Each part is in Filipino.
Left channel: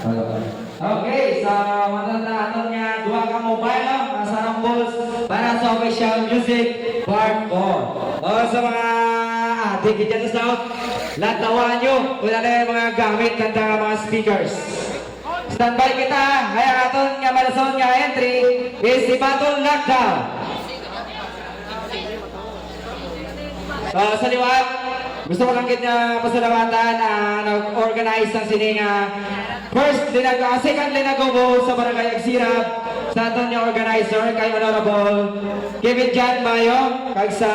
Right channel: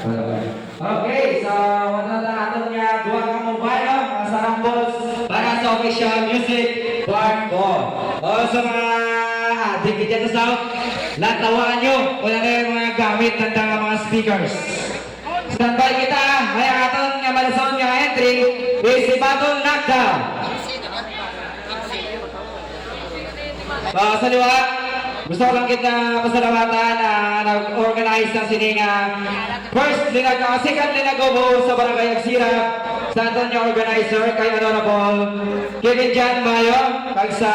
Okay, so matatatanong niya dua ka mobile sa Rambles para sa official music part 4. O sa mga ating dyan sa South, latawan nyo o yung mga gamit ng mga speakers. Standby kita, may aton nga malasong nga entry is si Batong Knockdown. So sa liwag, gusto ko lang kita pasalamatan na nag-organize ng sining second linagobo sa Barangay Agsira sa aton yung organizer kay Honorable Kevin John Mayo, kay sa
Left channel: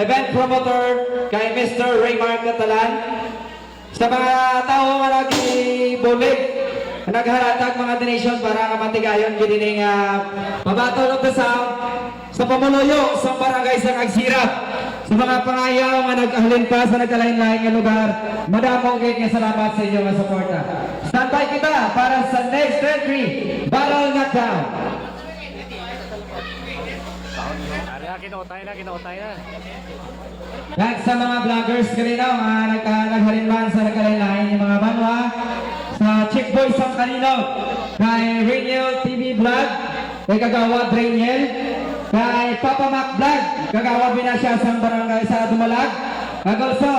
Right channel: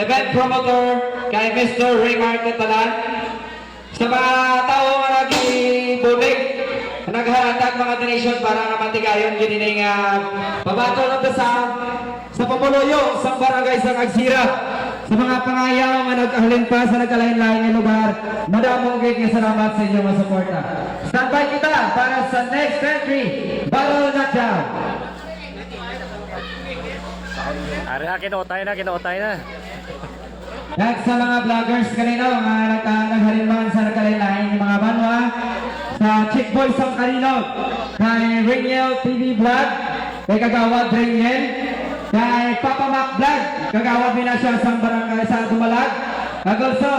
event promoter kay Mr. Raymar Catalan, sa mga tao nga nag-bulig nagharatag mga donation para kamatigayon ginining babato na sa pamuluyo sa Barangay sa Agsira. Sa mga pangayaw nga nagkahalin pa sa nagkalain-lain nga lugar, madamong kayo nga salamat sa inyong suporta. Standby kita para sa next entry, Battle Knockdown. Ari na, kinuotay na. Next sa mga vloggers kanino, naghalinman sa nagkalain-lain yung mga banwa, sa Chick Boy Sang Kanino, kay Rainiel TV Vlog, kay Kagawad Rainiel, kay Papa Mac Vlog, Kagawad din na siya sa barangay sa Dumalag, kag also